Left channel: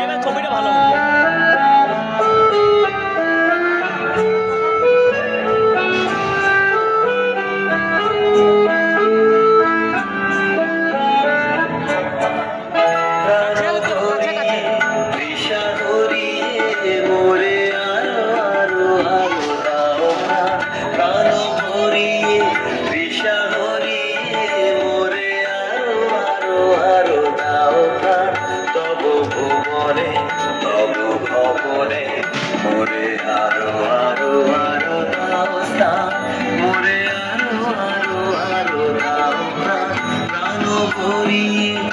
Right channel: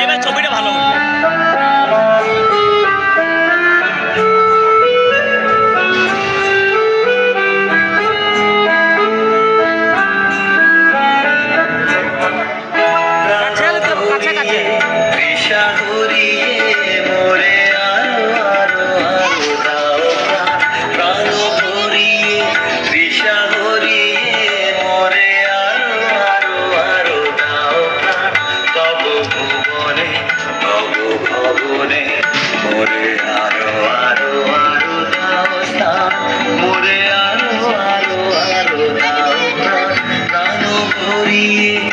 এবার ছবিটা ভালো হচ্ছে। মোরে আরো আরো আরো দাও স্থান, মোরে আরো আরো আরো দাও প্রাণ ভরিয়ে